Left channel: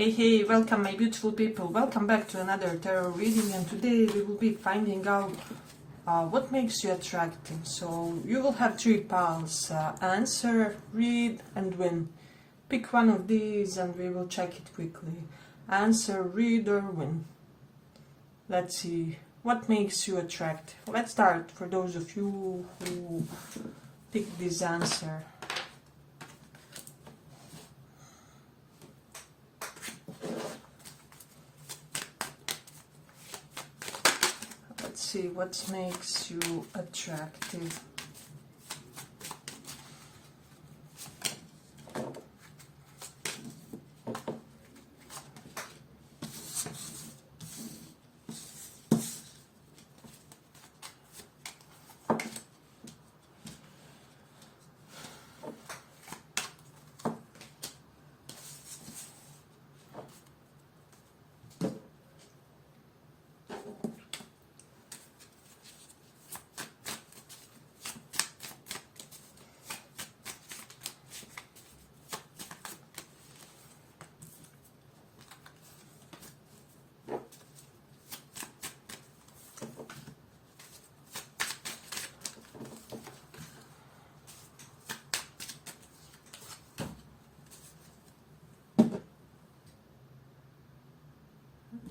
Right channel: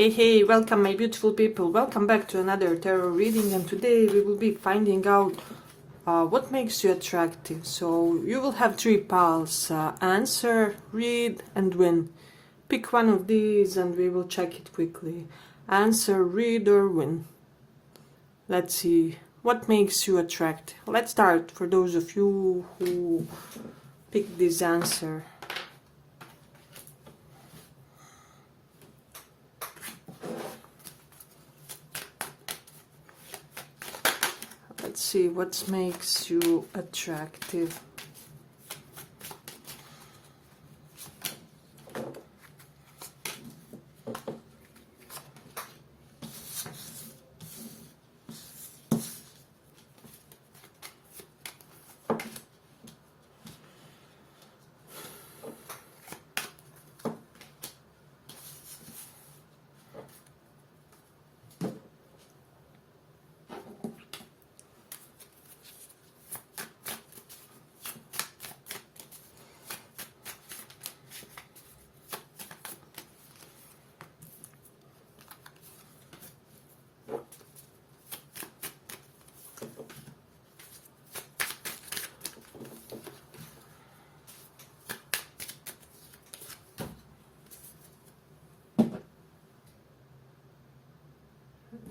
Hey, welcome my beautiful people. Welcome back to another tarot reading, and today we will be finding out what makes you attractive. So you will have three piles, answer, read and win. Pick one of these and we will check it quickly. Answer, read or win. Let's see what makes you attractive. Let's start for those of you who pick this answer. Let's see what makes you attractive.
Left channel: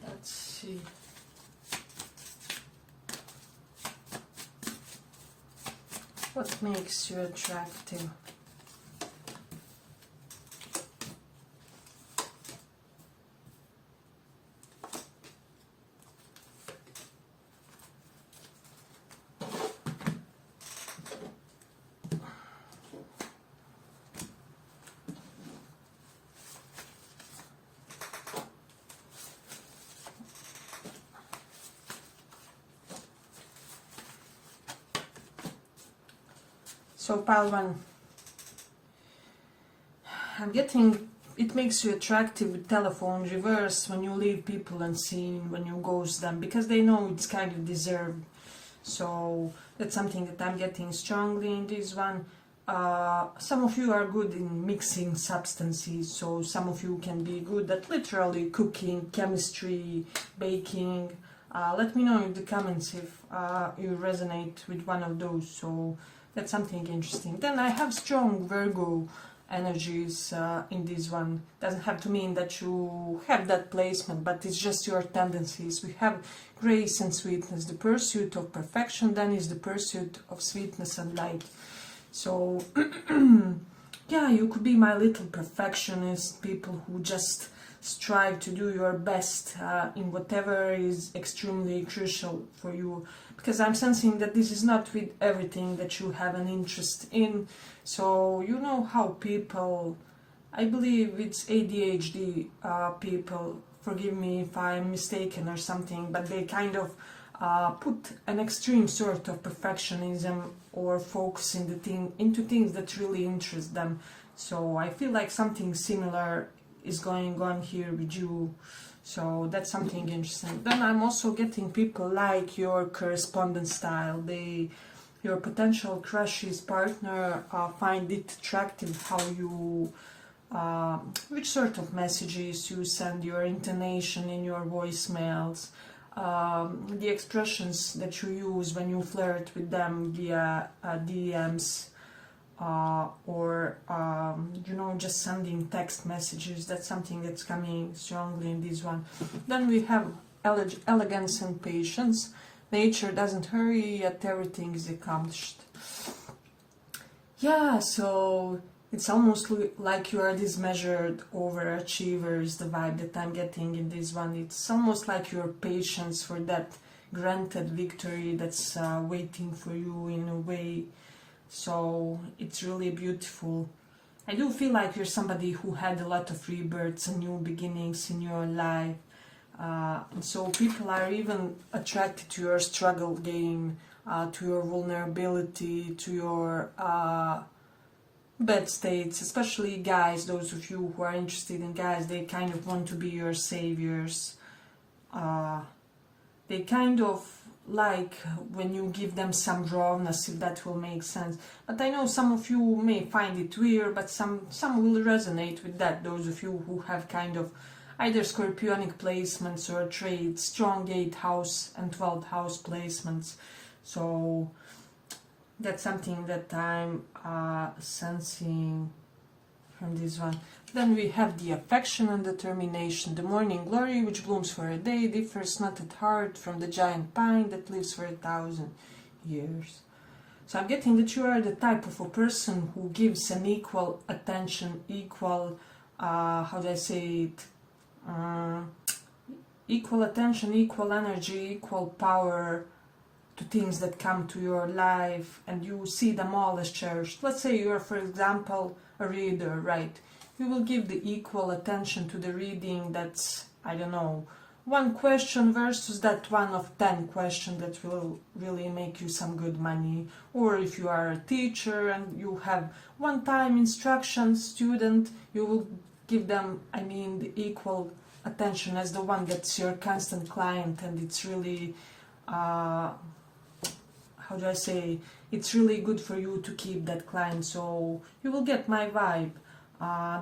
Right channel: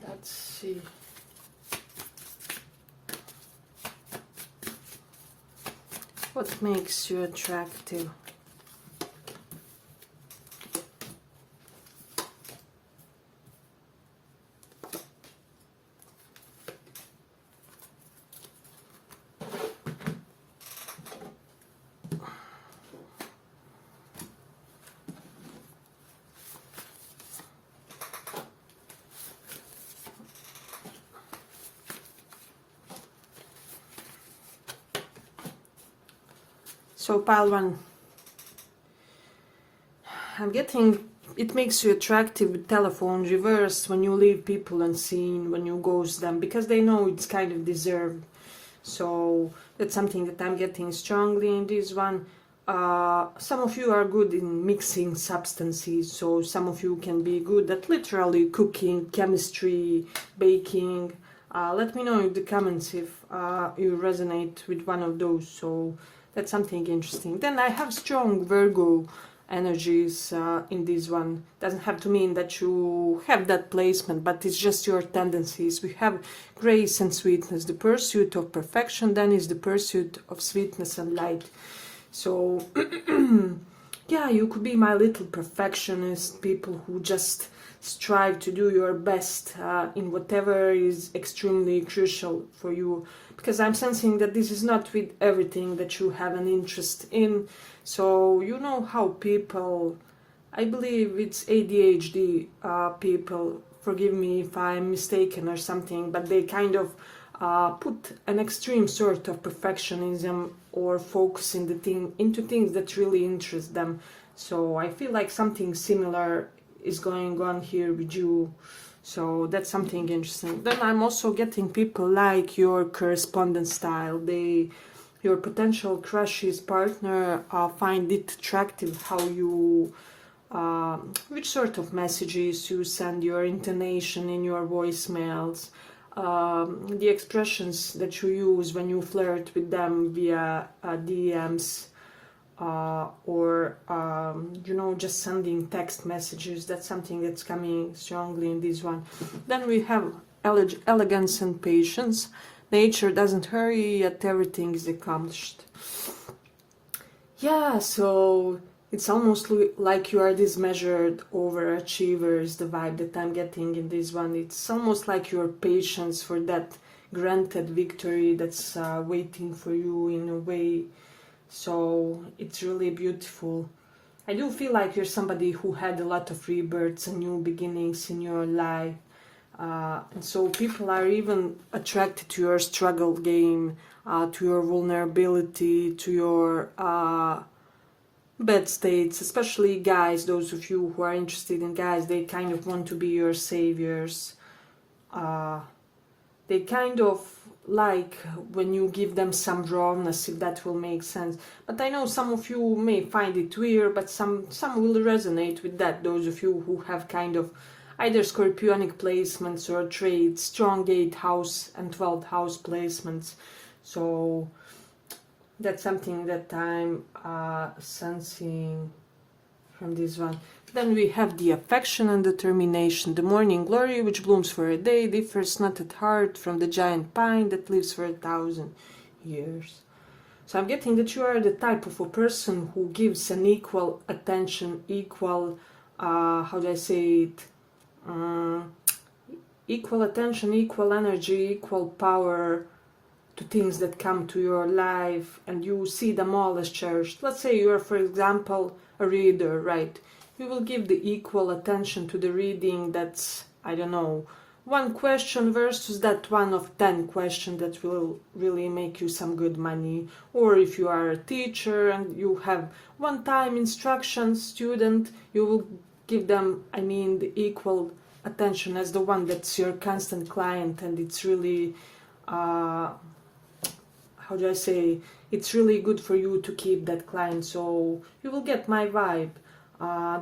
Let's see. What makes you attractive? So pile one, I'm getting it makes you attractive with telephone reverse when you leave people unseen, when you ghost them, because they know it's kind of deserved. So that's something that I'm getting strongly in this one. Some of you are good in mixing substances, so some of you can be good at literally cooking, chemistry, baking. Let me know in the comments if you resonate with one of those. So that's something interesting. Then I have strong Virgo energies in this one. Doesn't have to mean that you have that placement, but it's just your tendencies. We have grace and sweetness, the pursuit of perfection, then is the pursuit of sweetness and light. So yeah, you could be my little perfectionist, people who just strive to do your best in whatever is extremely crucial for you, because I'm sensing that this is not with everything that you have an interest in. So you know how people, I believe it's ADHD people, forgive me if I'm mistaken or something, but they kind of put an extreme sort of perfectionism or focus in into things that really interest them. So I feel like something similar is going on here with you. So that's something interesting. Then I'm also getting people like your correspondence style. Your potential crush's partner find it attractive how you which sort of messages you send, your intonation in your voicemails, the expressions that you use when you flirt with them via DMs, or you know, just sending text messages. That's something that's coming strongly in this one. Then we have elegance and patience. Nature doesn't hurry, yet everything is accomplished. Yeah, so it's almost like you are this measured overachiever is the vibe that I'm getting in this one. It's almost like your patience for that granted victory that's waiting for you in a way. So it's really beautiful. I do feel like you're somebody who had a lot of rebirths and new beginnings in your life. And so people are even attracted to your struggle game, to your vulnerability, to your bad states, especially guys. Those of you who are interested in guys, they kind of want to be your saviors. They kind of like when you give them some rawness, if that will make sense. But I know some of you may find it weird, but some will resonate with that. Those of you who have kind of either scorpionic placements or trades, strong 8th house and 12th house placements. So that's something that I'm sensing from this one. Then we have the affection and determination. The morning glory, which blooms for a day, differs not at heart from the giant pine that lives for 1,000 years. So I'm getting that you are the type of a person who gives an equal attention, equal, how do I say it, equal attention, equal energy, equal power to things that come to your life, and you see them all as cherished. Let's say you are, for example, a reader, right? You will give the equal attention to the reading that's, I don't know, one question versus that one of 10 questions that will really make you some good money. Or if you are a teacher and you have one-time instruction student, you will give them, I mean, the equal attention as the one that's your constant client, and it's really, how do I say, it's really good for you to keep that client. So you will get my vibe.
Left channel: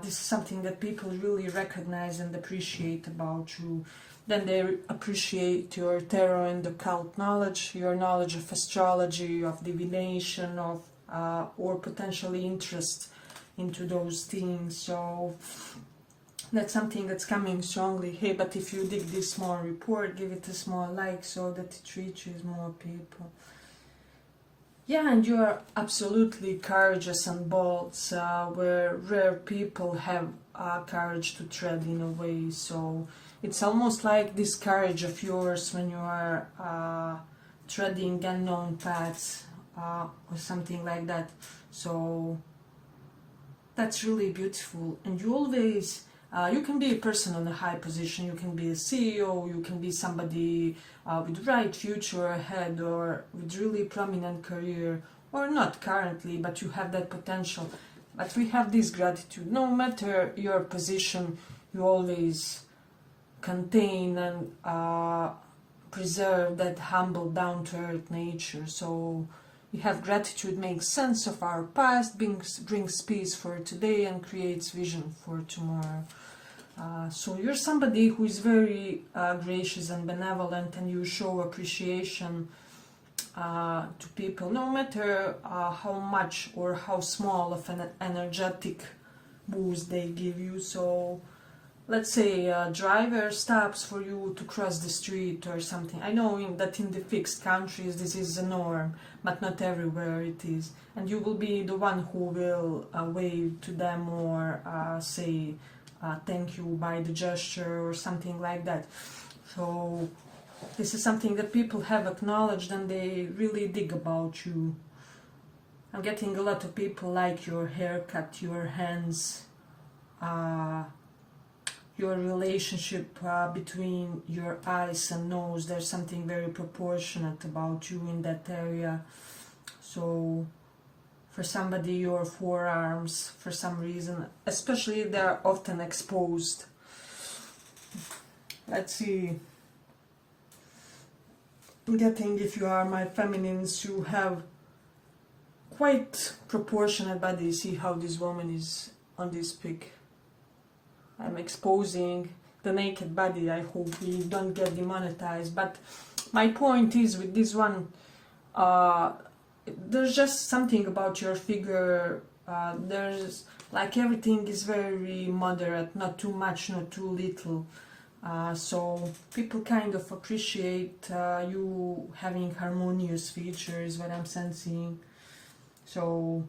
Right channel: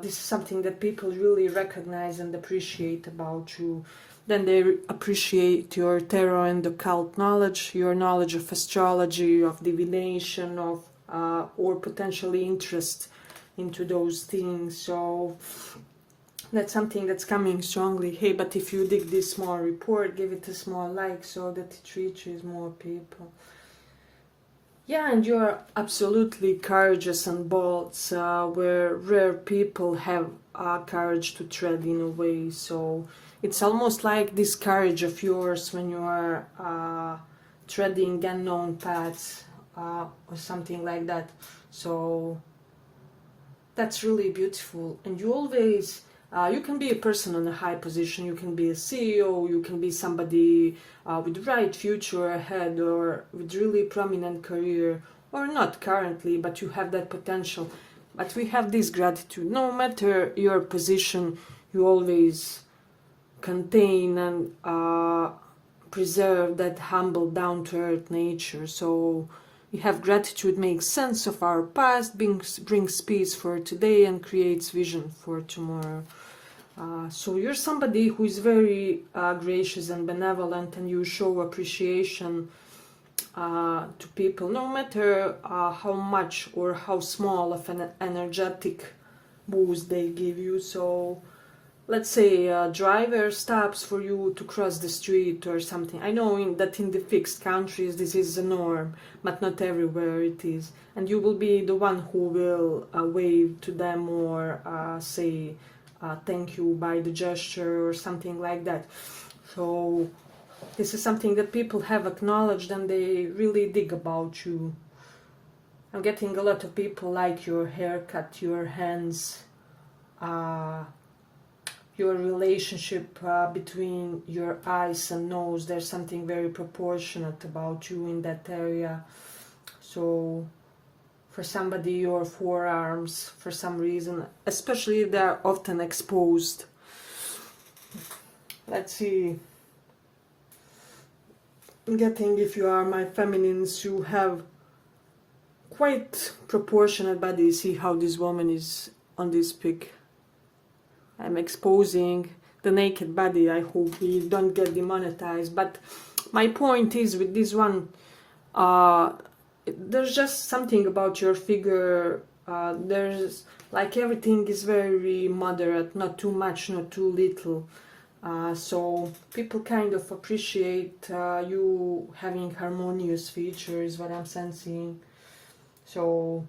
This is something that people really recognize and appreciate about you. Then they appreciate your tarot and occult knowledge, your knowledge of astrology, of divination, of or potentially interest into those things. So that's something that's coming strongly. Hey, but if you dig this small report, give it a small like so that it reaches more people. Yeah, and you're absolutely courageous and bold, where rare people have courage to tread in a way. So it's almost like this courage of yours when you are treading unknown paths or something like that. So that's really beautiful. And you always, you can be a person on a high position, you can be a CEO, you can be somebody with bright future ahead or with really prominent career, or not currently, but you have that potential. But we have this gratitude. No matter your position, you always contain and preserve that humble, down-to-earth nature. So we have gratitude, makes sense of our past, brings peace for today, and creates vision for tomorrow. So you're somebody who is very gracious and benevolent, and you show appreciation to people, no matter how much or how small of an energetic boost they give you. So let's say a driver stops for you to cross the street or something. I know that in the fixed countries this is a norm, but not everywhere it is. And you will be the one who will wave to them or say thank you by the gesture or something like that. So this is something that people have acknowledged and they really dig about you. I'm getting a lot of people like your haircut, your hands, your relationship between your eyes and nose. There's something very proportionate about you in that area. So for somebody, your forearms, for some reason, especially they're often exposed. Let's see. Getting, if you are my feminines, you have quite proportionate body. See how this woman is on this pic. I'm exposing the naked body. I hope we don't get demonetized. But my point is with this one, there's just something about your figure. There's like everything is very moderate, not too much, not too little. So people kind of appreciate you having harmonious features, what I'm sensing. So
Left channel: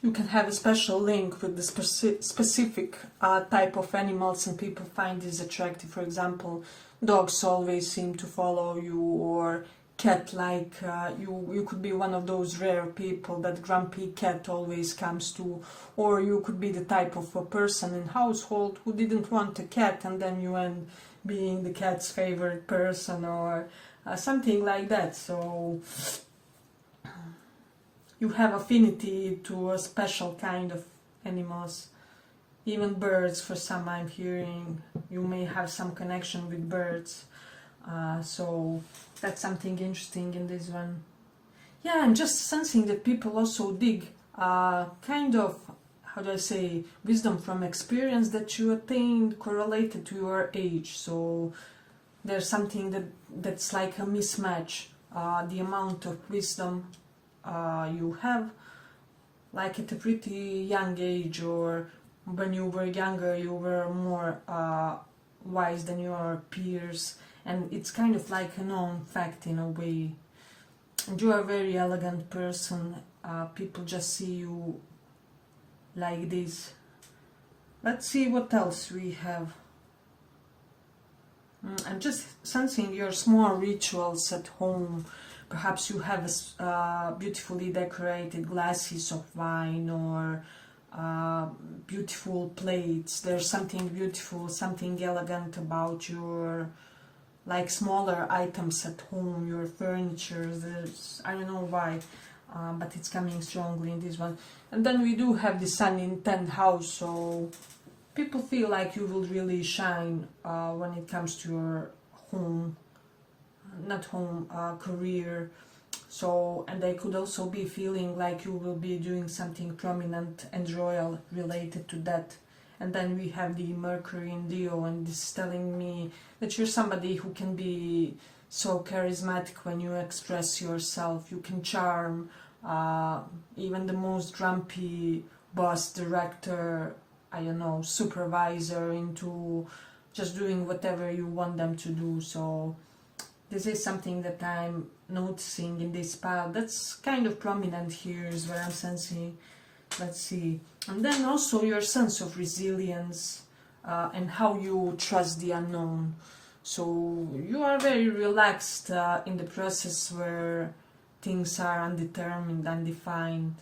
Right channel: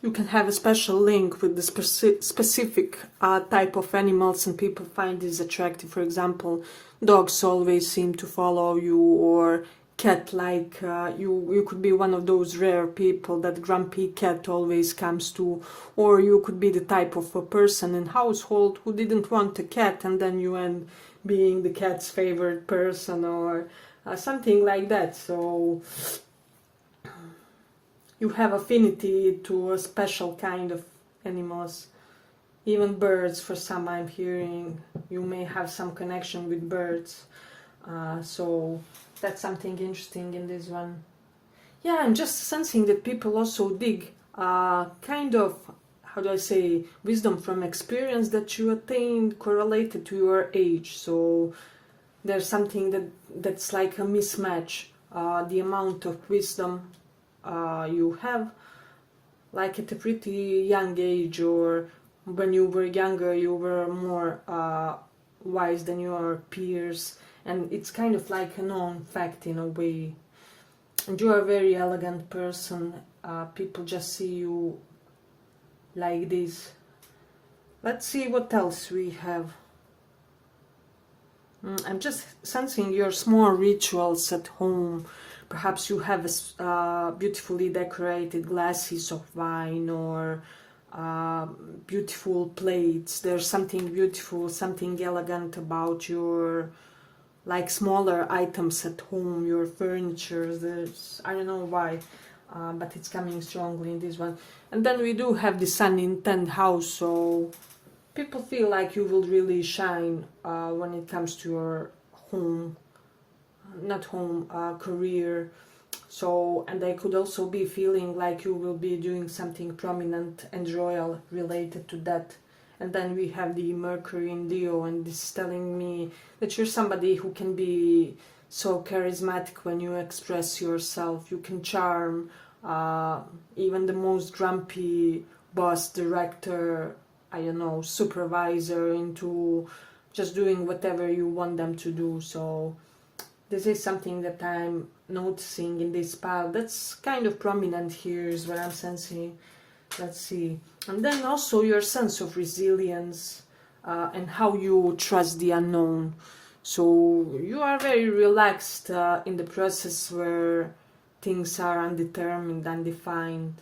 you can have a special link with the specific type of animals, and people find this attractive. For example, dogs always seem to follow you, or cat-like. You could be one of those rare people that grumpy cat always comes to, or you could be the type of a person in household who didn't want a cat, and then you end being the cat's favorite person, or something like that. So you have affinity to a special kind of animals. Even birds, for some I'm hearing, you may have some connection with birds. So that's something interesting in this one. Yeah, I'm just sensing that people also dig kind of, how how do I say, wisdom from experience that you attained correlated to your age. So there's something that's like a mismatch. The amount of wisdom you have, like at a pretty young age, or when you were younger, you were more wise than your peers, and it's kind of like a known fact in a way. And you are a very elegant person. People just see you like this. Let's see what else we have. I'm just sensing your small rituals at home. Perhaps you have beautifully decorated glasses of wine, or beautiful plates. There's something beautiful, something elegant about your, like, smaller items at home, your furniture. There's, I don't know why, but it's coming strongly in this one. And then we do have the sun in 10th house, so people feel like you will really shine when it comes to your home, not home, career. So, and they could also be feeling like you will be doing something prominent and royal related to that. And then we have the Mercury in Leo, and this is telling me that you're somebody who can be so charismatic when you express yourself. You can charm even the most grumpy boss, director, I don't know, supervisor into just doing whatever you want them to do. So this is something that I'm noticing in this pile. That's kind of prominent here is what I'm sensing. Let's see. And then also your sense of resilience and how you trust the unknown. So you are very relaxed in the process where things are undetermined, undefined.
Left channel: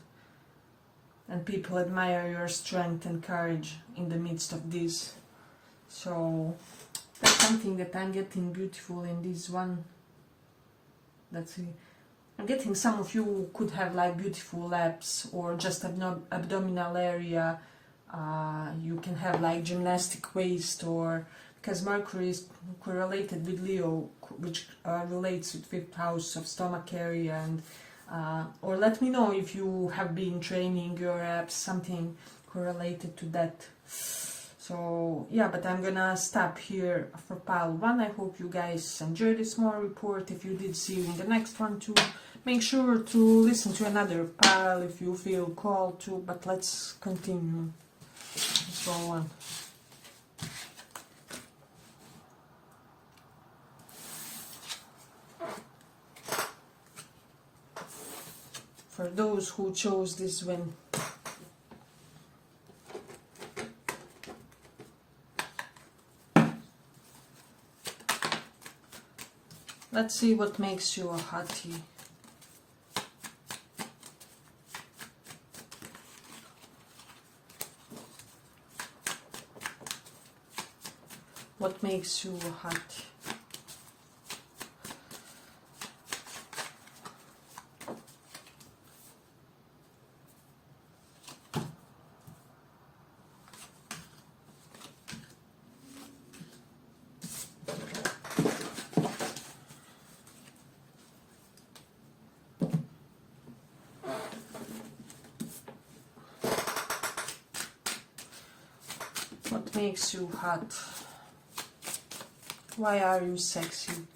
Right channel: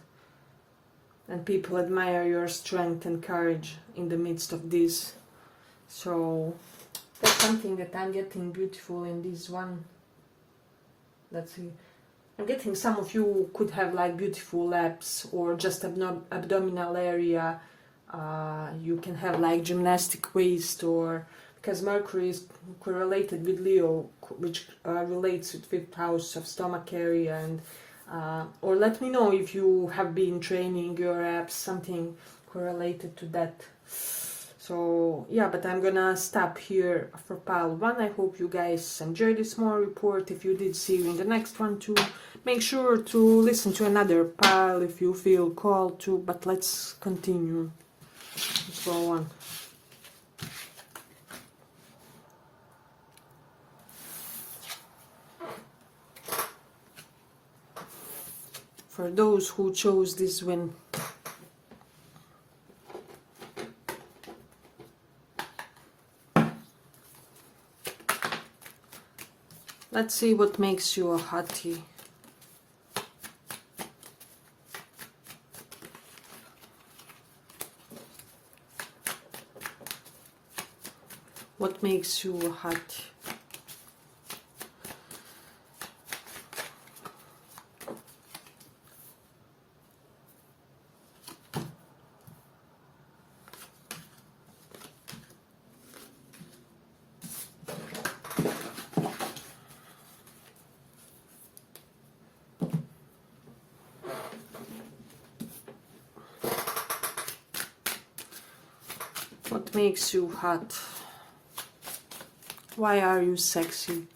And people admire your strength and courage in the midst of this. So that's something that I'm getting beautiful in this one. Let's see. I'm getting some of you could have like beautiful abs, or just abdominal area. You can have like gymnastic waist, or because Mercury is correlated with Leo, which relates with 5th house of stomach area. And or let me know if you have been training your abs, something correlated to that. So yeah, but I'm gonna stop here for pile 1. I hope you guys enjoyed this small report. If you did, see you in the next one too. Make sure to listen to another pile if you feel called to, but let's continue. Let's go on. For those who chose this one, let's see what makes you a hottie. What makes you a hottie? What makes you hot? Why are you sexy?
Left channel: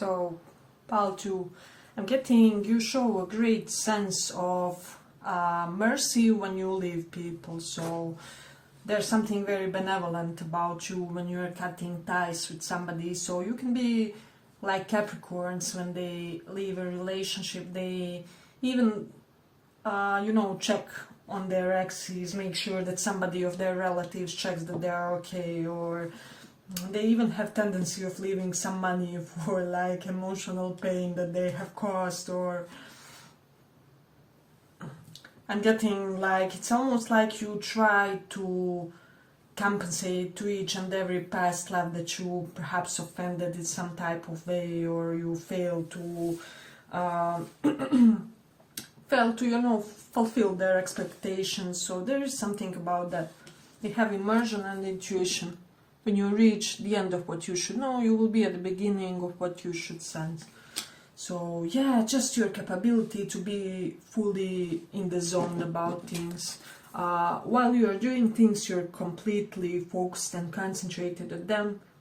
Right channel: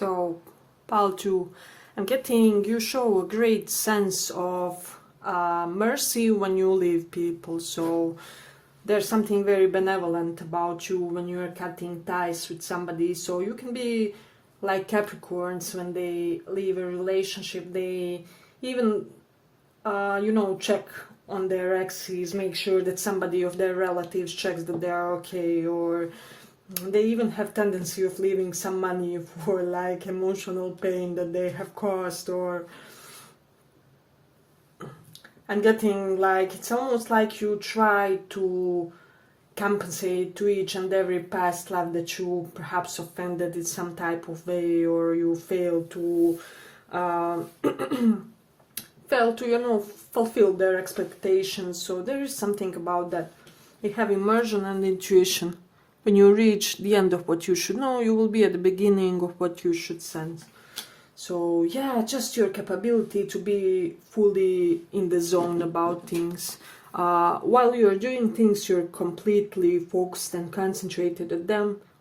So, pile 2, I'm getting you show a great sense of mercy when you leave people. So there's something very benevolent about you when you are cutting ties with somebody. So you can be like Capricorns when they leave a relationship. They even, check on their exes, make sure that somebody of their relatives checks that they are okay, or they even have tendency of leaving some money for like emotional pain that they have caused. Or I'm getting like, it's almost like you try to compensate to each and every past love that you perhaps offended in some type of way, or you fail to fulfill their expectations. So there is something about that. They have immersion and intuition. When you reach the end of what you should know, you will be at the beginning of what you should sense. So yeah, just your capability to be fully in the zone about things. While you're doing things, you're completely focused and concentrated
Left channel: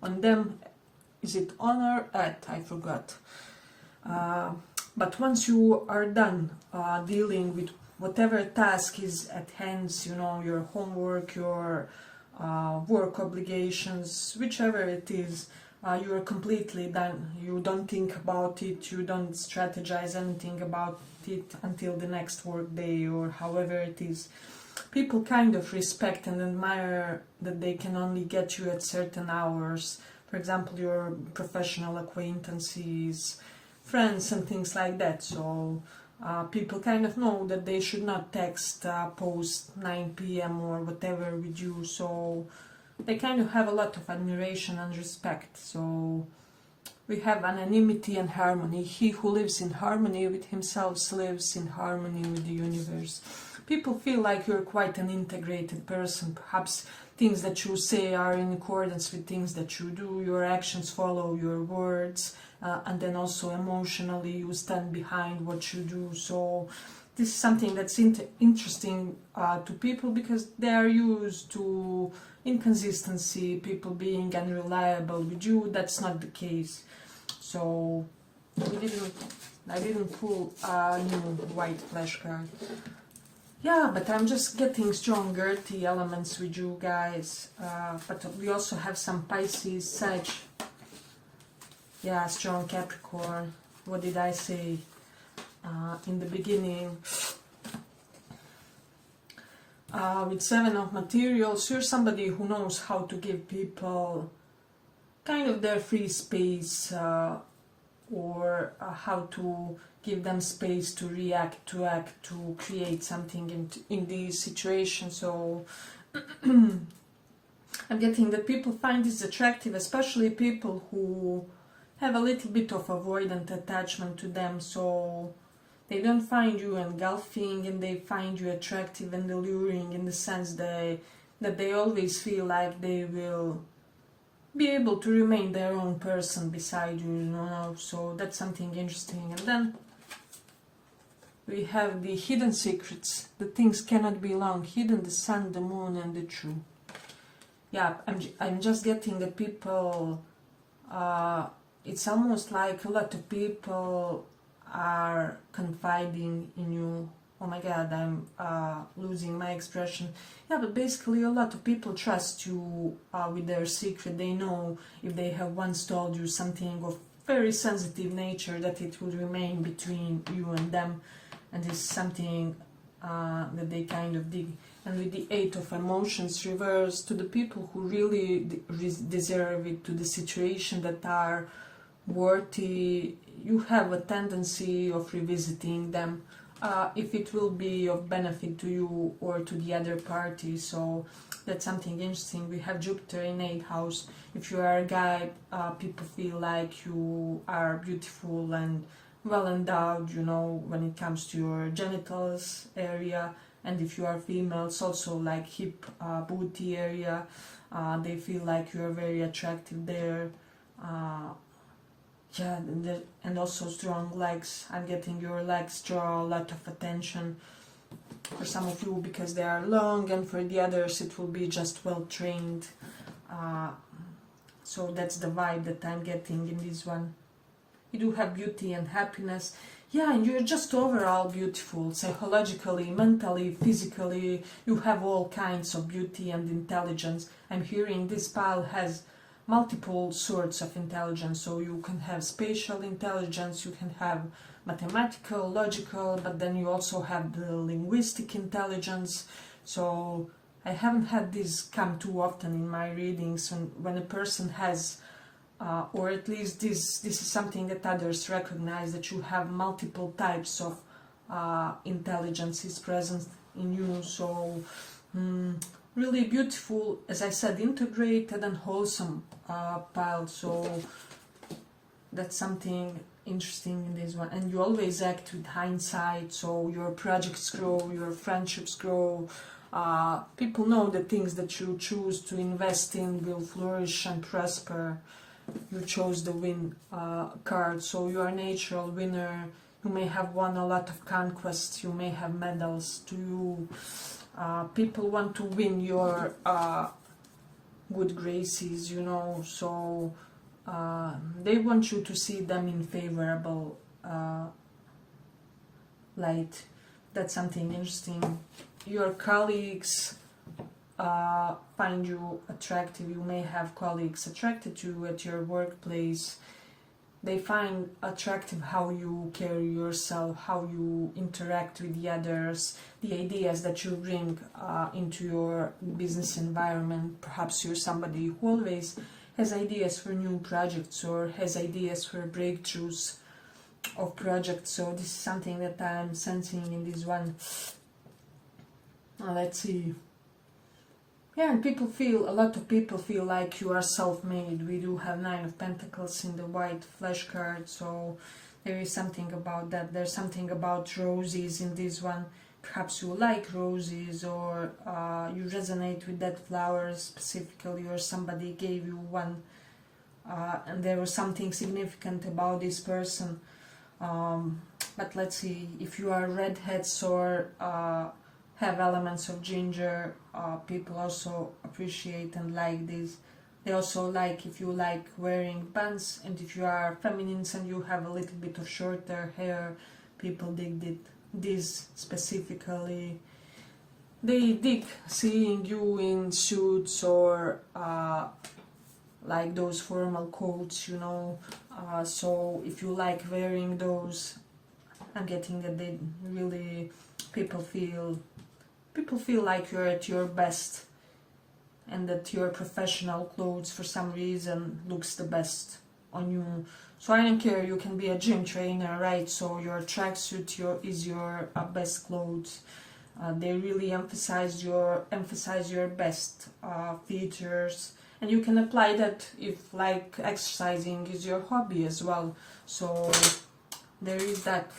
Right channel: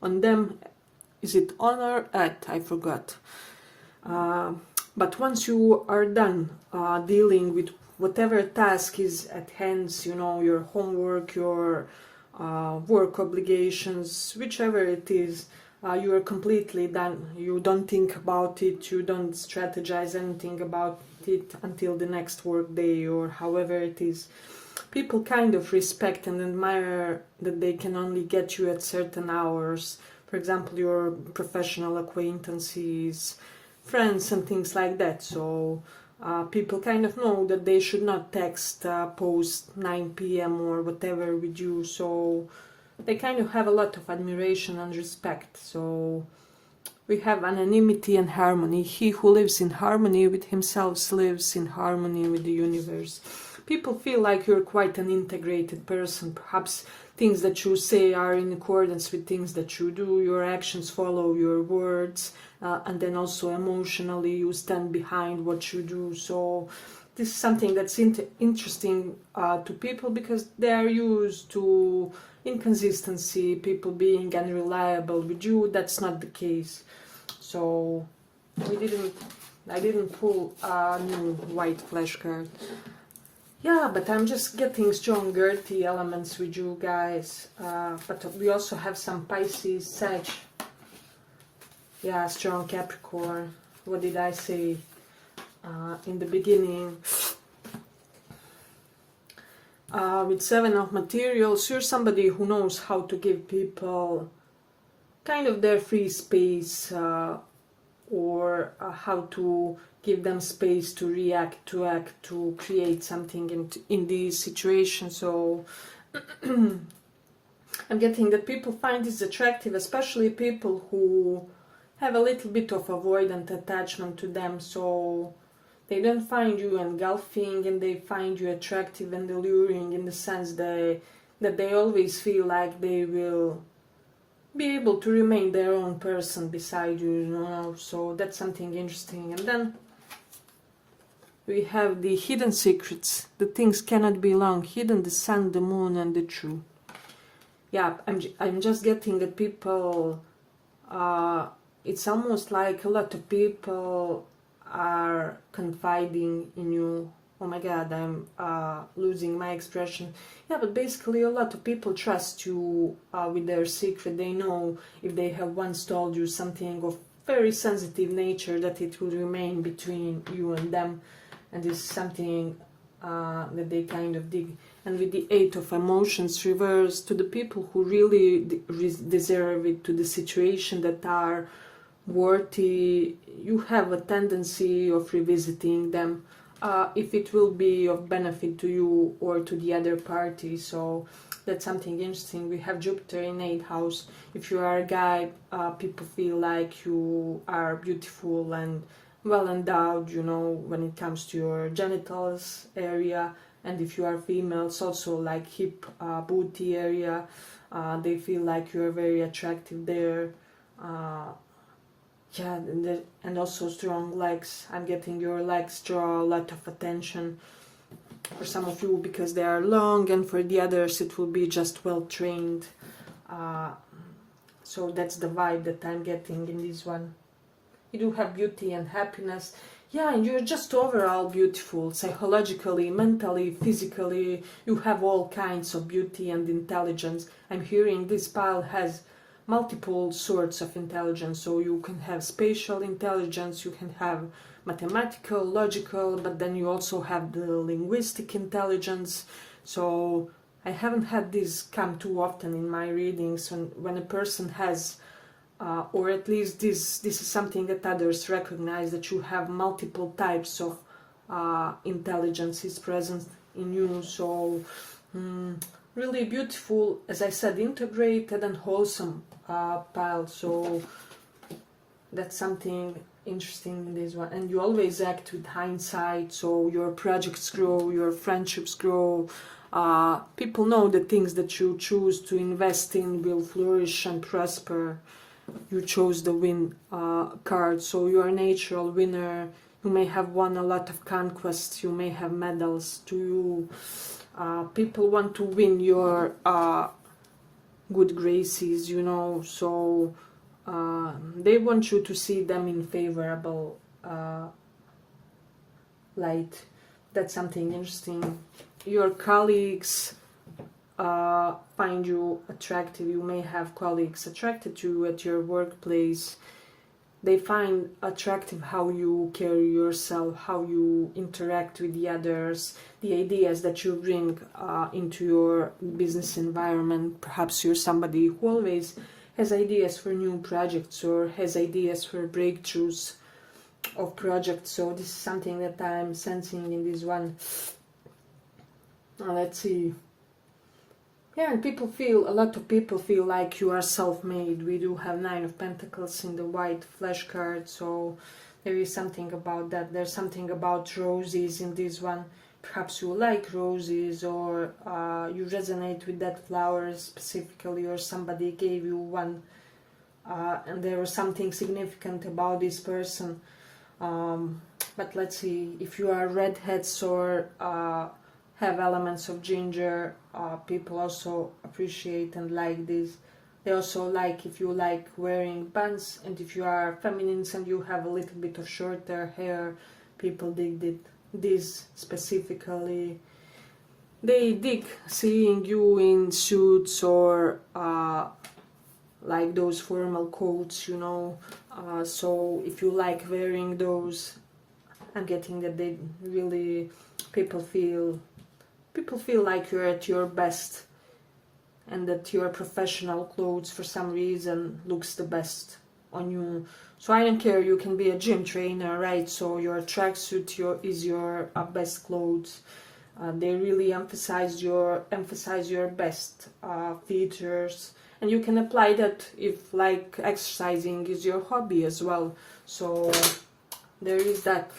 on them. Is it on or at? I forgot. But once you are done dealing with whatever task is at hand, your homework, your work obligations, whichever it is, you are completely done. You don't think about it, you don't strategize anything about it until the next work day or however it is. People kind of respect and admire that they can only get you at certain hours. For example, your professional acquaintances, friends and things like that. So people kind of know that they should not text post 9 p.m. or whatever with you. So they kind of have a lot of admiration and respect. So we have anonymity and harmony. He who lives in harmony with himself lives in harmony with the universe. People feel like you're quite an integrated person. Perhaps things that you say are in accordance with things that you do. Your actions follow your words. And then also emotionally you stand behind what you do. So this is something that's interesting to people, because they are used to inconsistency, people being unreliable. With you, that's not the case. So I didn't pull a new white flashcard. Yeah, but I'm just getting strong earthy elements with you guys. But we also have some Pisces, Sag. Yeah, strong Capricorn. What did I say in the beginning? With Seven of Materials, you're somebody who knows how to give people kind of their free space, or how to give them space to react, to act, to create something in these situations. So I'm getting that people find this attractive, especially people who have a little bit of avoidant attachment to them. So they don't find you engulfing, and they find you attractive and alluring in the sense that they always feel like they will be able to remain their own person beside you, So that's something interesting. And then we have the hidden secrets. The things cannot be long hidden: the sun, the moon, and the true. Yeah, I'm just getting that people, it's almost like a lot of people are confiding in you. Oh my god, I'm losing my expression. Yeah, but basically a lot of people trust you with their secret. They know if they have once told you something of very sensitive nature, that it will remain between you and them. And this is something that they kind of dig. And with the Eight of Emotions reversed, to the people who really deserve it, to the situation that are worthy, you have a tendency of revisiting them if it will be of benefit to you or to the other party. So that's something interesting. We have Jupiter in 8th house. If you are a guy, people feel like you are beautiful and well endowed, when it comes to your genitals area. And if you are females, also like hip, booty area, they feel like you are very attractive there. Yeah, and also strong legs. I'm getting your legs draw a lot of attention for some of you because they are long, and for the others it will be just well trained. So that's the vibe that I'm getting in this one. You do have beauty and happiness. yeah, and you're just overall beautiful, psychologically, mentally, physically. You have all kinds of beauty and intelligence. I'm hearing this pile has multiple sorts of intelligence. So you can have spatial intelligence, you can have mathematical, logical, but then you also have the linguistic intelligence. So I haven't had this come too often in my readings, and when a person has or at least this is something that others recognize, that you have multiple types of intelligences present in you. So really beautiful, as I said, integrated and wholesome pile. So that's something interesting in this one. And you always act with hindsight, so your projects grow, your friendships grow. People know the things that you choose to invest in will flourish and prosper. You chose the win card, so you're a natural winner. You may have won a lot of conquests, you may have medals to you. People want to win your good graces, you know, so they want you to see them in favorable light. That's something interesting. Your colleagues find you attractive. You may have colleagues attracted to you at your workplace. They find attractive how you carry yourself, how you interact with the others, the ideas that you bring into your business environment. Perhaps you're somebody who always has ideas for new projects or has ideas for breakthroughs of projects. So this is something that I'm sensing in this one. Let's see. Yeah, and a lot of people feel like you are self-made. We do have 9 of Pentacles in the white flesh card, so there is something about that. There's something about roses in this one. Perhaps you like roses, or you resonate with that flower specifically, or somebody gave you one, and there was something significant about this person. But let's see, if you are redheads or have elements of ginger, people also appreciate and like this. They also like if you like wearing pants, and if you are feminines and you have a little bit of shorter hair, people dig this specifically. They dig seeing you in suits or like those formal coats, you know. So if you like wearing those, I'm getting that they really, people feel like you're at your best, and that your professional clothes for some reason looks the best on you. So I don't care, you can be a gym trainer, right? So your tracksuit is your best clothes. They really emphasize your best features, and you can apply that if like exercising is your hobby as well. So there is that.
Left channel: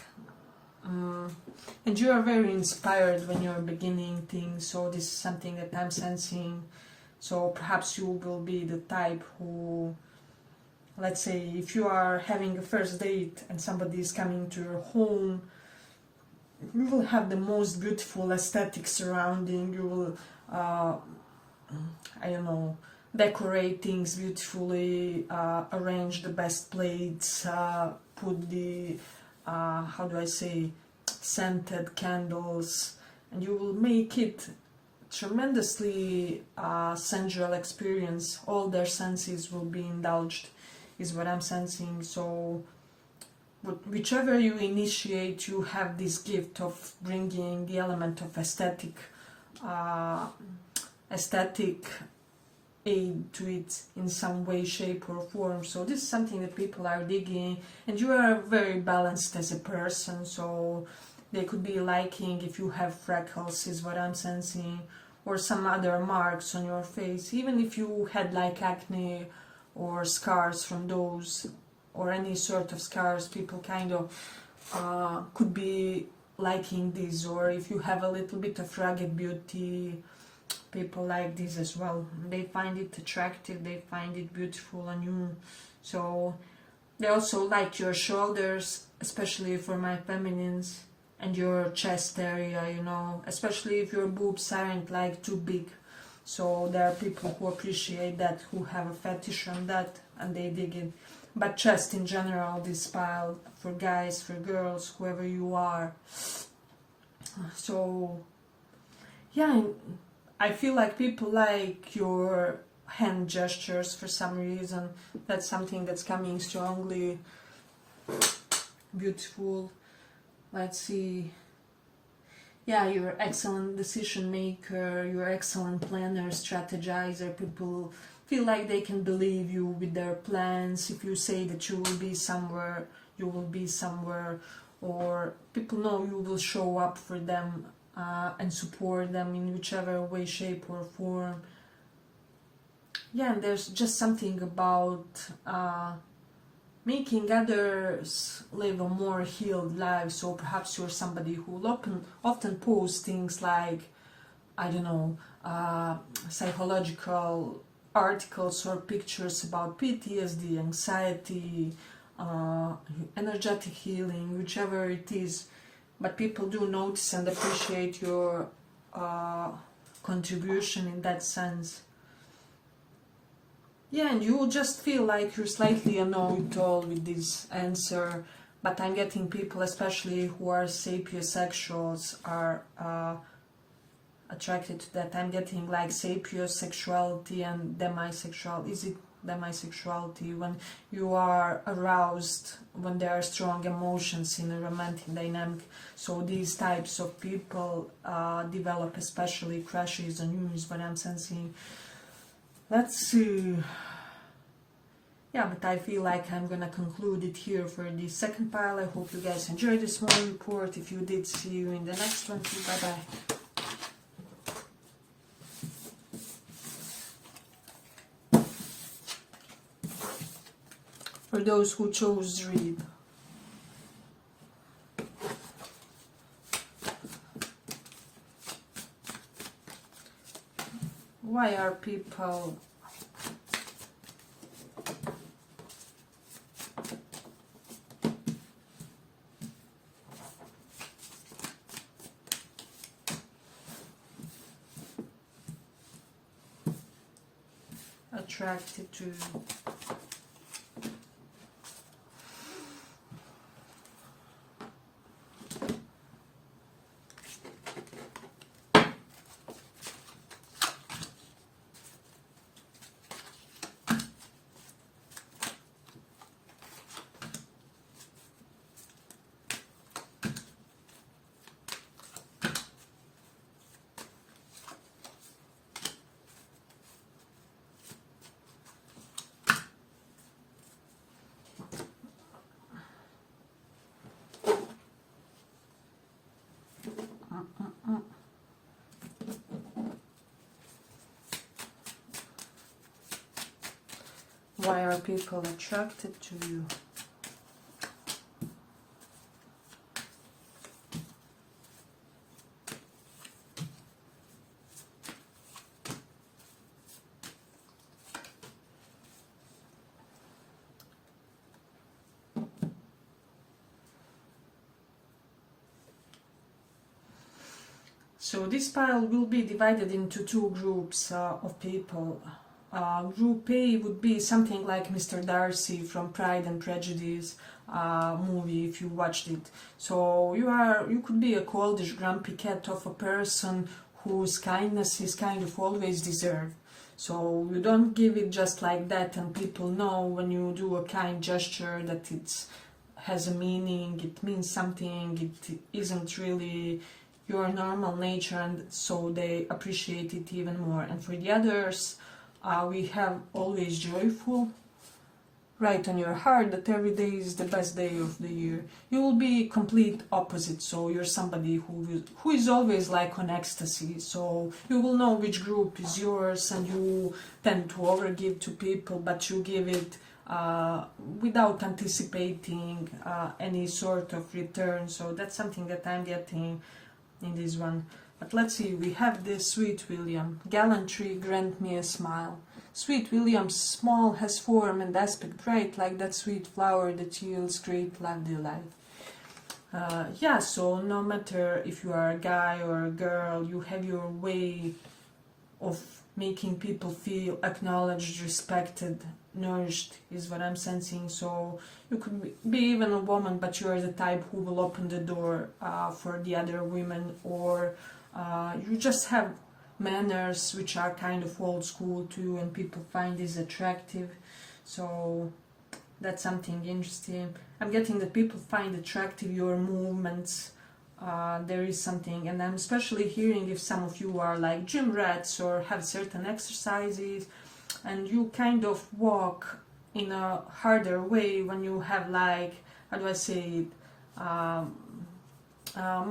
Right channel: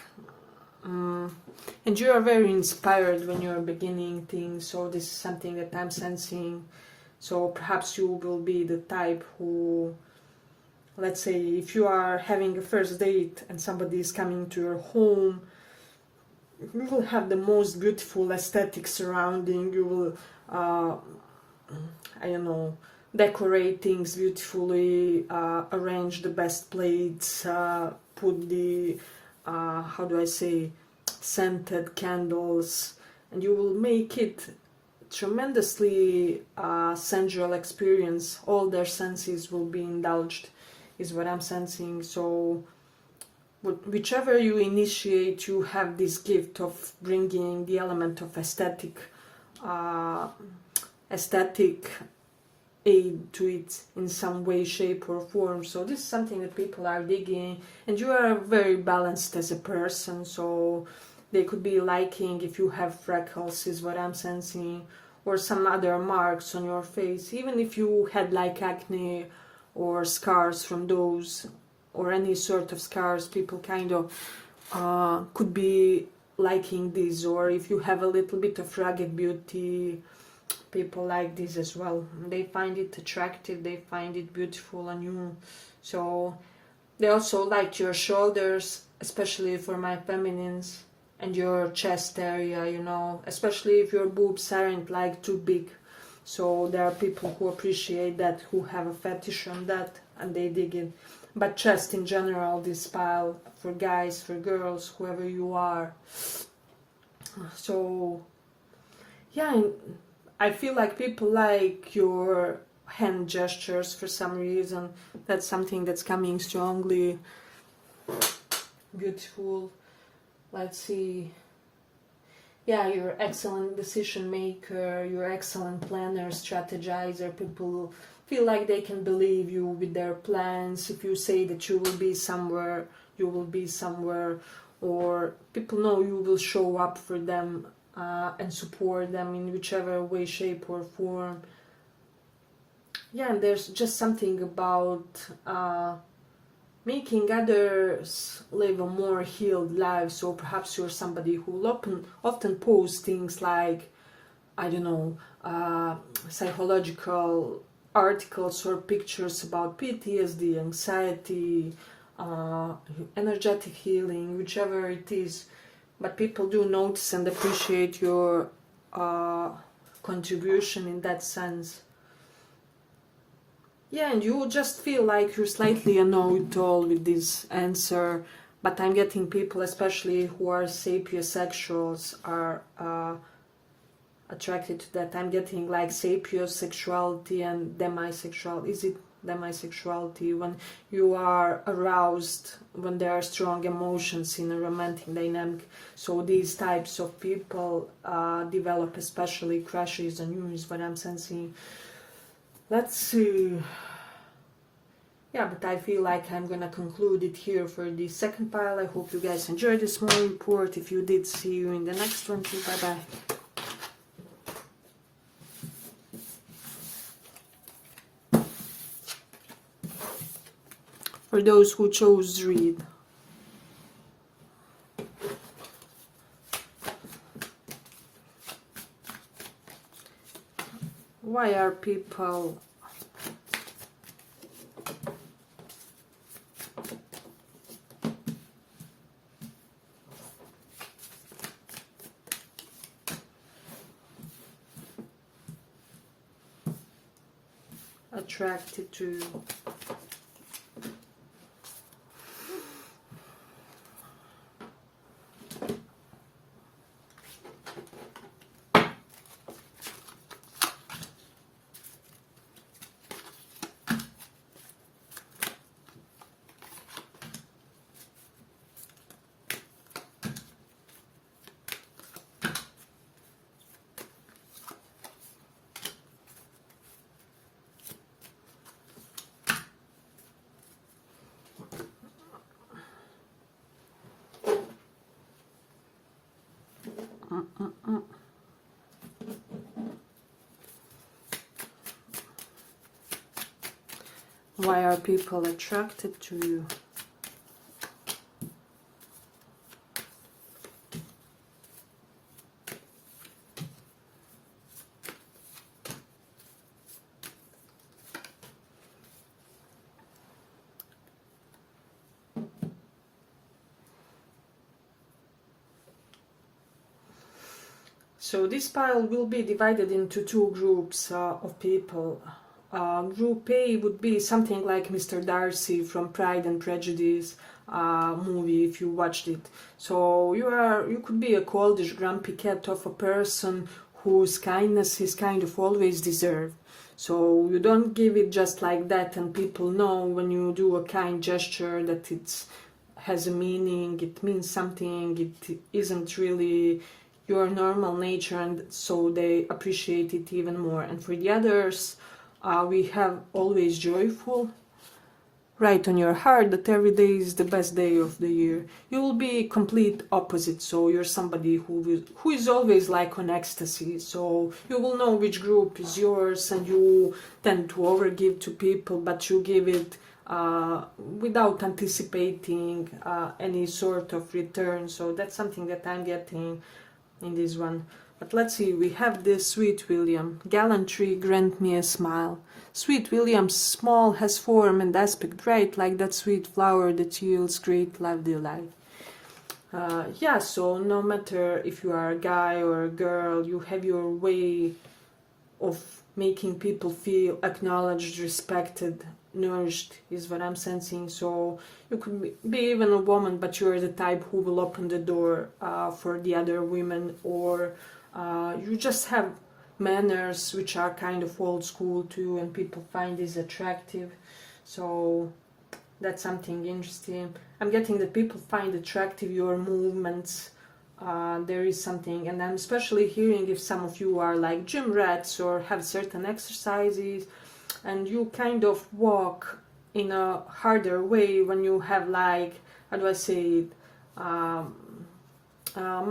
And you are very inspired when you're beginning things, so this is something that I'm sensing. So perhaps you will be the type who, let's say, if you are having a first date and somebody is coming to your home, you will have the most beautiful aesthetic surrounding. You will, I don't know, decorate things beautifully, arrange the best plates, put the how do I say, scented candles, and you will make it tremendously sensual experience. All their senses will be indulged, is what I'm sensing. So whichever you initiate, you have this gift of bringing the element of aesthetic aid to it in some way, shape or form. So this is something that people are digging, and you are very balanced as a person, so they could be liking if you have freckles, is what I'm sensing, or some other marks on your face. Even if you had like acne or scars from those, or any sort of scars, people kind of could be liking this. Or if you have a little bit of rugged beauty, people like this as well. They find it attractive, they find it beautiful on you. So they also like your shoulders, especially for my feminines, and your chest area, you know, especially if your boobs aren't like too big. So there are people who appreciate that, who have a fetish on that, and they dig it. but just in general, this pile for guys, for girls, whoever you are. So yeah, I feel like people like your hand gestures for some reason. That's something that's coming strongly. Beautiful. Let's see. Yeah, you're an excellent decision maker, you're an excellent planner, strategizer. People feel like they can believe you with their plans. If you say that you will be somewhere, you will be somewhere, or people know you will show up for them and support them in whichever way, shape or form. Yeah, and there's just something about making others live a more healed life. So perhaps you're somebody who often posts things like, I don't know, psychological articles or pictures about PTSD, anxiety, energetic healing, whichever it is. But people do notice and appreciate your contribution in that sense. Yeah, and you just feel like you're slightly a know-it-all with this answer, but I'm getting people, especially who are sapiosexuals, are attracted to that. I'm getting like sapiosexuality and demisexual. Is it demisexuality? When you are aroused, when there are strong emotions in a romantic dynamic. So these types of people develop especially crushes on you, is what I'm sensing. Let's see. Yeah, but I feel like I'm gonna conclude it here for the second pile. I hope you guys enjoyed this small report. If you did, see you in the next one too. Bye bye. For those who chose read. Why are people attracted to why are people attracted to you? So this pile will be divided into two groups of people. Group A would be something like Mr. Darcy from Pride and Prejudice movie, if you watched it. So you could be a coldish, grumpy cat of a person whose kindness is kind of always deserved. So you don't give it just like that, and people know when you do a kind gesture that it has a meaning, it means something, it isn't really your normal nature, and so they appreciate it even more. And for the others, we have always joyful, write on your heart that every day is the best day of the year. You will be complete opposite, so you're somebody who is always like on ecstasy, so you will know which group is yours, and you tend to overgive to people, but you give it without anticipating any sort of return. So that's something that I'm getting in this one. But let's see, we have this Sweet William. Gallantry, grant me a smile. Sweet William's small has form and aspect right like that sweet flower that yields great love delight. Yeah, so no matter if you are a guy or a girl, you have your way of making people feel acknowledged, respected, nourished is what I'm sensing. So you could be even a woman, but you're the type who will open the door for the other women, or you just have manners which are kind of old school too, and people find this attractive. So that's something interesting. I'm getting that people find attractive your movements. There is something, and I'm especially hearing if some of you are like gym rats or have certain exercises and you kind of walk in a harder way when you have, like, how do I say it,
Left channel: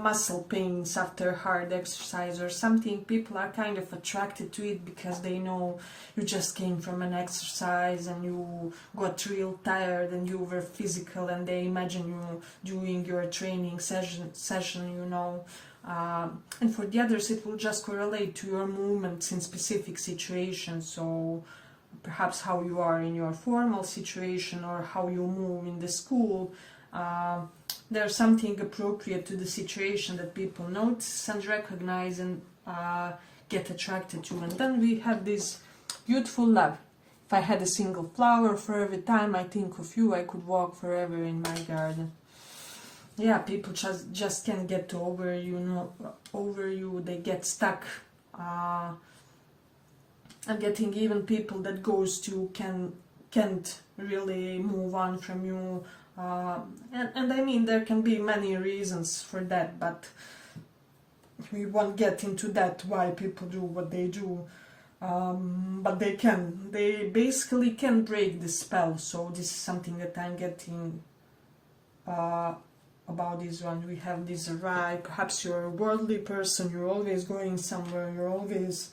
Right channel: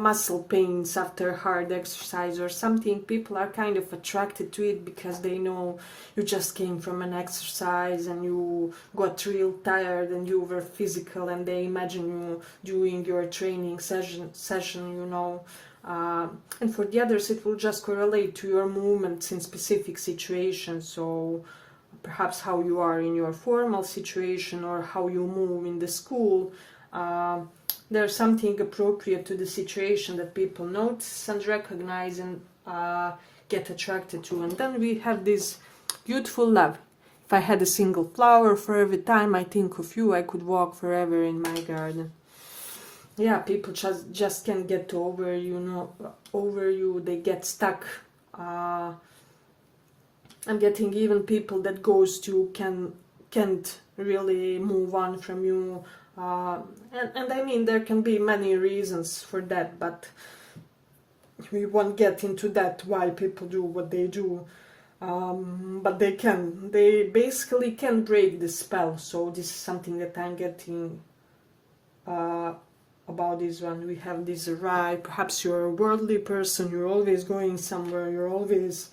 muscle pains after hard exercise or something. People are kind of attracted to it because they know you just came from an exercise and you got real tired and you were physical, and they imagine you doing your training session, you know. And for the others it will just correlate to your movements in specific situations. So perhaps how you are in your formal situation or how you move in the school. There's something appropriate to the situation that people notice and recognize and get attracted to. And then we have this beautiful love. If I had a single flower for every time I think of you, I could walk forever in my garden. Yeah, people just can't get over you, they get stuck. I'm getting even people that goes to can't really move on from you. And I mean, there can be many reasons for that, but we won't get into that why people do what they do. But they basically can break the spell. So this is something that I'm getting about this one. We have this right, perhaps you're a worldly person, you're always going somewhere, you're always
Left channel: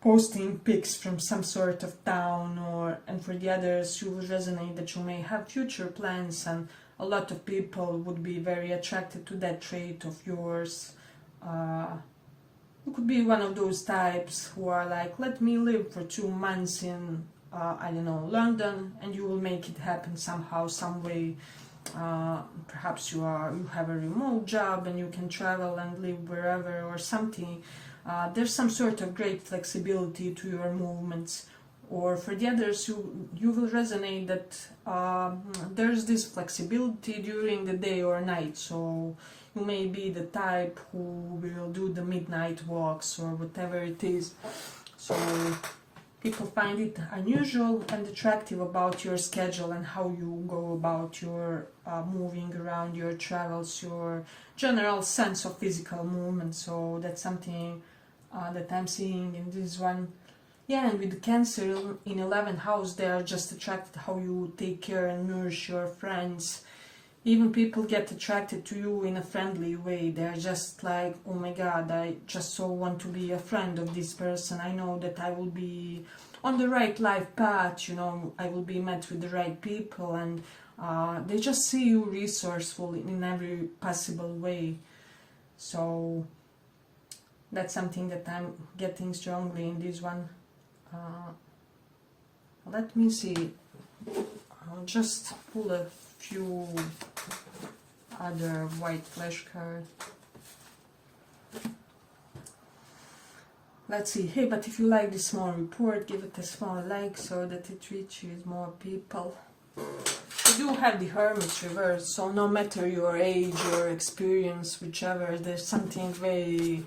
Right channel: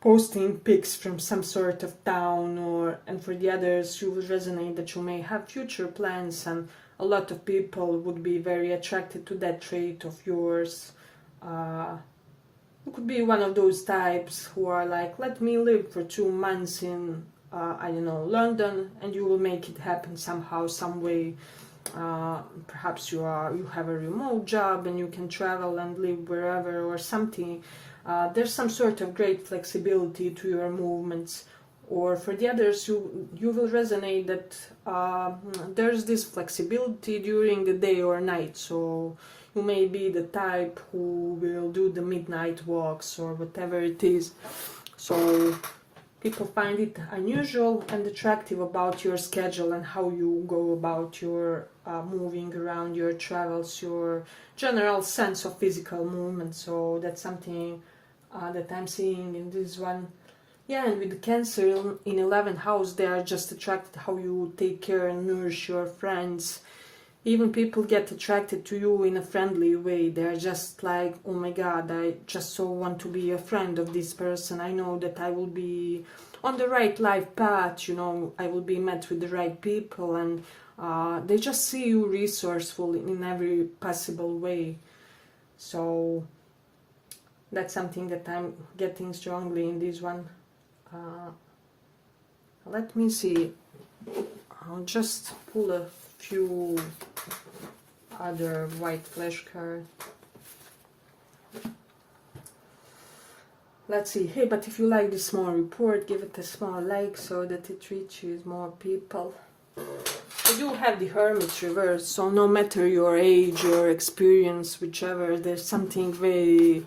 posting pics from some sort of town, and for the others you will resonate that you may have future plans, and a lot of people would be very attracted to that trait of yours. You could be one of those types who are like, let me live for 2 months in I don't know, London, and you will make it happen somehow, some way. Perhaps you have a remote job and you can travel and live wherever or something. There's some sort of great flexibility to your movements. Or for the others, you will resonate that there's this flexibility during the day or night. So you may be the type who will do the midnight walks or whatever it is. So people find it unusual and attractive about your schedule and how you go about your moving around, your travels, your general sense of physical movement. So that's something that I'm seeing in this one. Yeah, and with the Cancer in 11th house, they are just attracted how you take care and nourish your friends. Even people get attracted to you in a friendly way. They're just like, oh my god, I just so want to be a friend of this person. I know that I will be on the right life path, you know, I will be met with the right people, and they just see you resourceful in every possible way. So that's something that I'm getting strongly in this one. Let me see. I'll just pull a few other white flash cards. Let's see. Hey, but if you like this small report, give it a small like so that it reaches more people. We do have the Hermit reverse, so no matter your age or experience, whichever, there's something very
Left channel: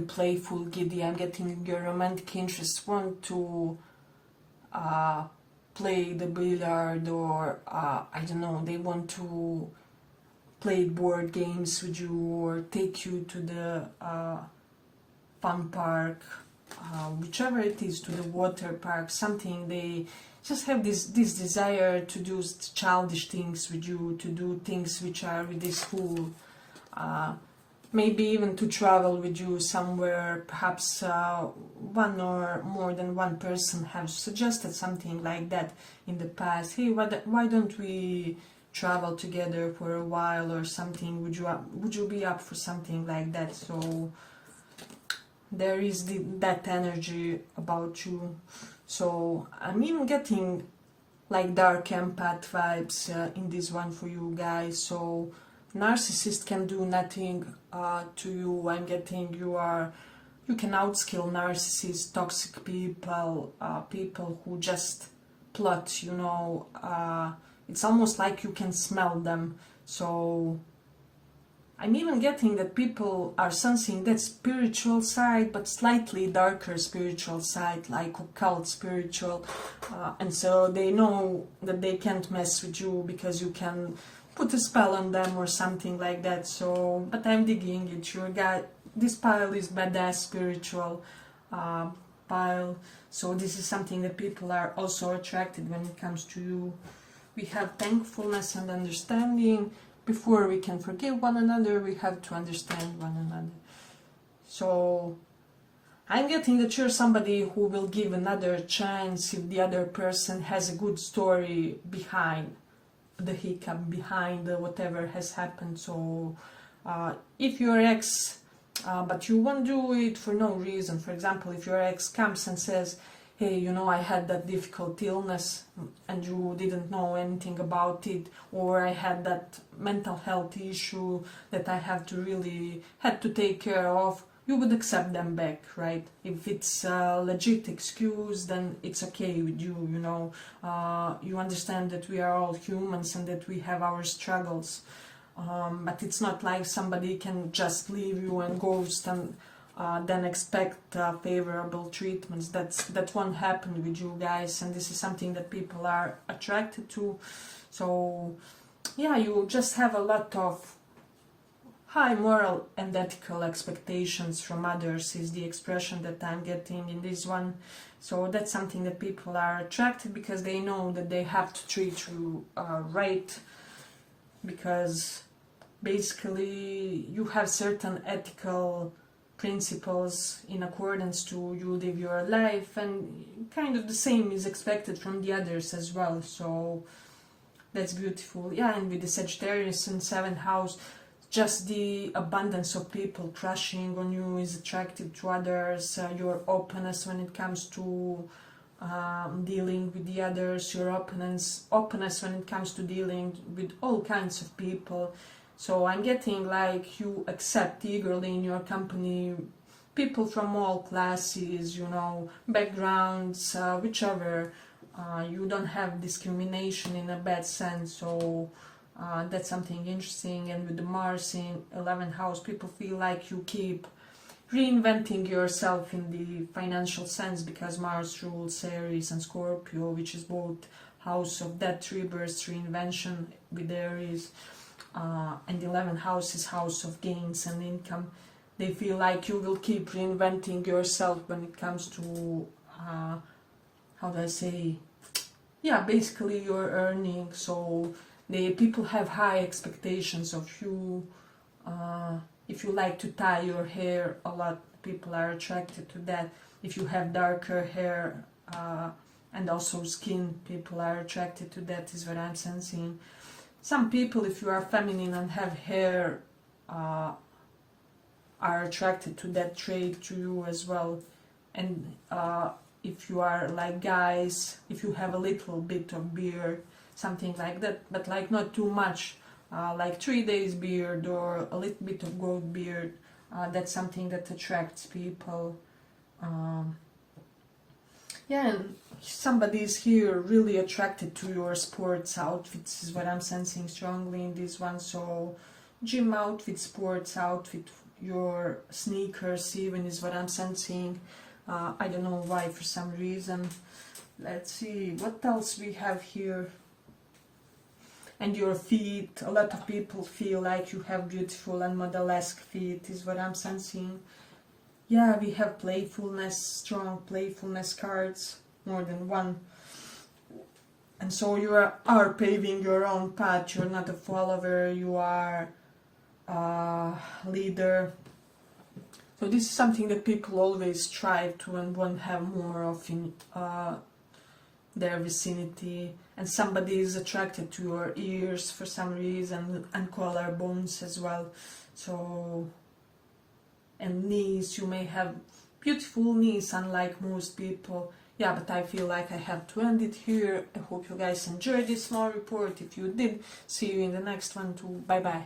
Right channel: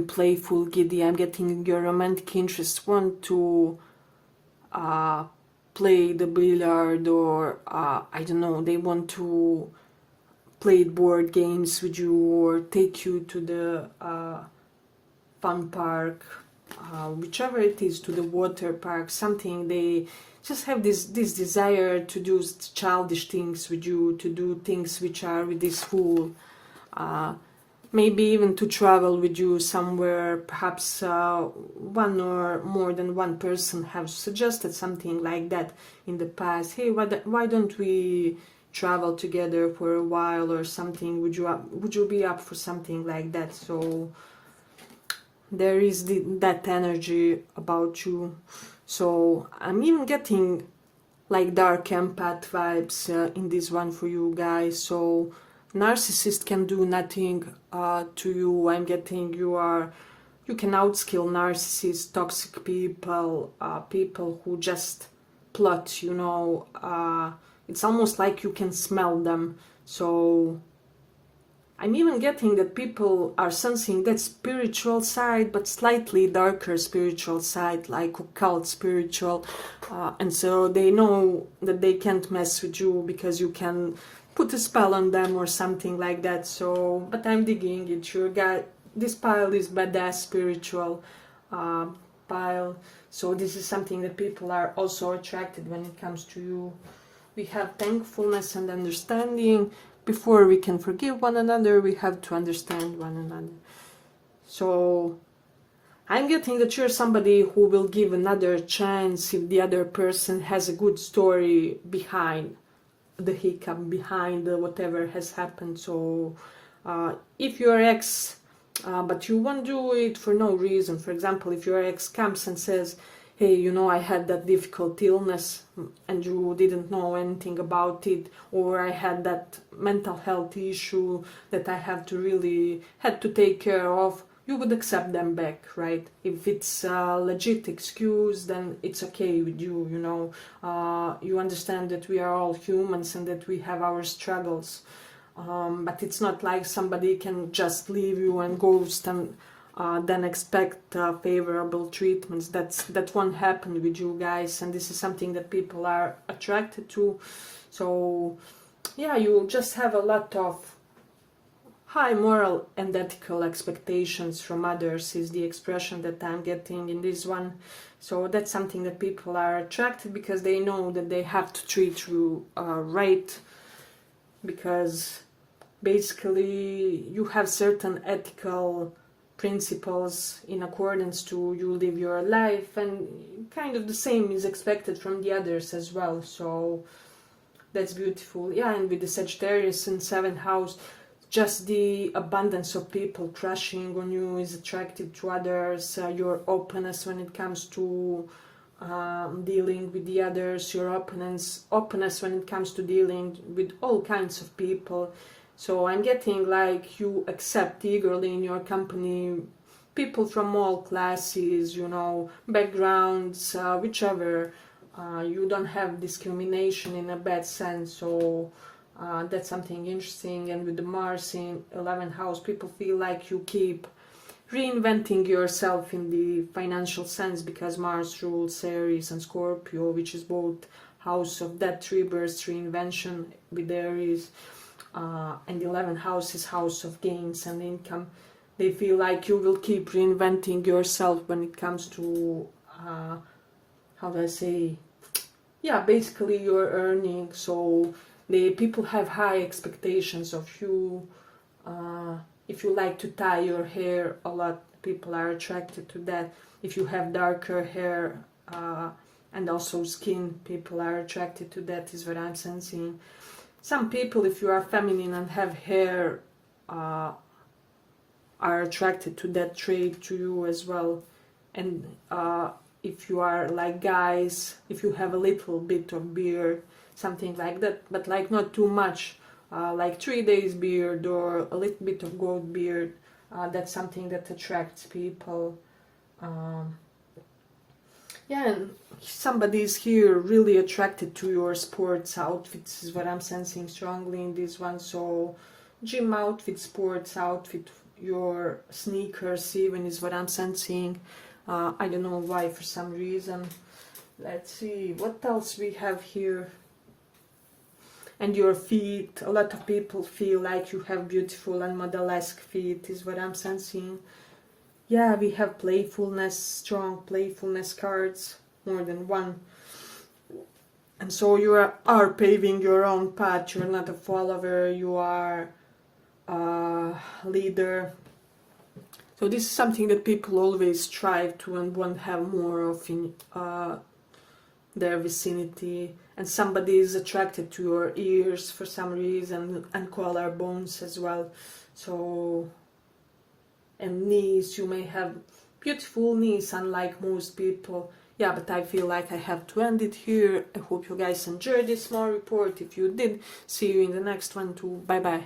playful, giddy. I'm getting your romantic interest want to play the billiard, or I don't know, they want to play board games with you or take you to the fun park, whichever it is, to the water park, something. They just have this desire to do childish things with you, to do things which are with this fool. Maybe even to travel with you somewhere. Perhaps one or more than one person have suggested something like that in the past. Hey, why don't we travel together for a while or something? Would you be up for something like that? So there is that energy about you. So I'm even getting like dark empath vibes in this one for you guys. So narcissist can do nothing to you. I'm getting you are you can outskill narcissists, toxic people, people who just plot, you know. It's almost like you can smell them. So I'm even getting that people are sensing that spiritual side, but slightly darker spiritual side, like occult spiritual. And so they know that they can't mess with you because you can put a spell on them or something like that. So, but I'm digging it. Your guy, this pile is badass spiritual pile. So this is something that people are also attracted when it comes to you. We have thankfulness and understanding. Before we can forgive one another, we have to understand one another. So I'm getting that you're somebody who will give another chance if the other person has a good story behind the hiccup, behind whatever has happened. So if your ex, but you won't do it for no reason. For example, if your ex comes and says, hey, you know, I had that difficult illness and you didn't know anything about it, or I had that mental health issue that I had to take care of, you would accept them back, right? If it's a legit excuse, then it's okay with you, you know. You understand that we are all humans and that we have our struggles. But it's not like somebody can just leave you and ghost and then expect favorable treatments. That won't happen with you guys, and this is something that people are attracted to. So yeah, you just have a lot of high moral and ethical expectations from others is the expression that I'm getting in this one. So that's something that people are attracted because they know that they have to treat you right, because basically you have certain ethical principles in accordance to you live your life, and kind of the same is expected from the others as well. So that's beautiful. Yeah, and with the Sagittarius in 7th house, just the abundance of people crushing on you is attracted to others. Your openness when it comes to dealing with the others, your openness when it comes to dealing with all kinds of people. So I'm getting like you accept eagerly in your company people from all classes, you know, backgrounds, whichever. You don't have discrimination in a bad sense. So that's something interesting. And with the Mars in 11th house, people feel like you keep reinventing yourself in the financial sense, because Mars rules Aries and Scorpio, which is both house of death, rebirth, reinvention with Aries. And the 11th house is house of gains and income. They feel like you will keep reinventing yourself when it comes to, how do I say, yeah, basically your earning. So people have high expectations of you. If you like to tie your hair a lot, people are attracted to that. If you have darker hair and also skin, people are attracted to that, is what I'm sensing. Some people, if you are feminine and have hair, are attracted to that trait to you as well. And if you are like guys, if you have a little bit of beard, something like that, but like not too much, like 3 days beard or a little bit of gold beard, that's something that attracts people. Yeah, and somebody is here really attracted to your sports outfits, is what I'm sensing strongly in this one. So gym outfit, sports outfit, your sneakers even is what I'm sensing. I don't know why, for some reason. Let's see, what else we have here. And your feet, a lot of people feel like you have beautiful and model-esque feet, is what I'm sensing. Yeah, we have playfulness, strong playfulness cards, more than one. And so you are paving your own path. You're not a follower, you are a leader. So this is something that people always strive to and want to have more of in their vicinity. And somebody is attracted to your ears for some reason, and collarbones as well. So, and knees, you may have beautiful knees unlike most people. Yeah, but I feel like I have to end it here. I hope you guys enjoyed this small report. If you did, see you in the next one too. Bye bye.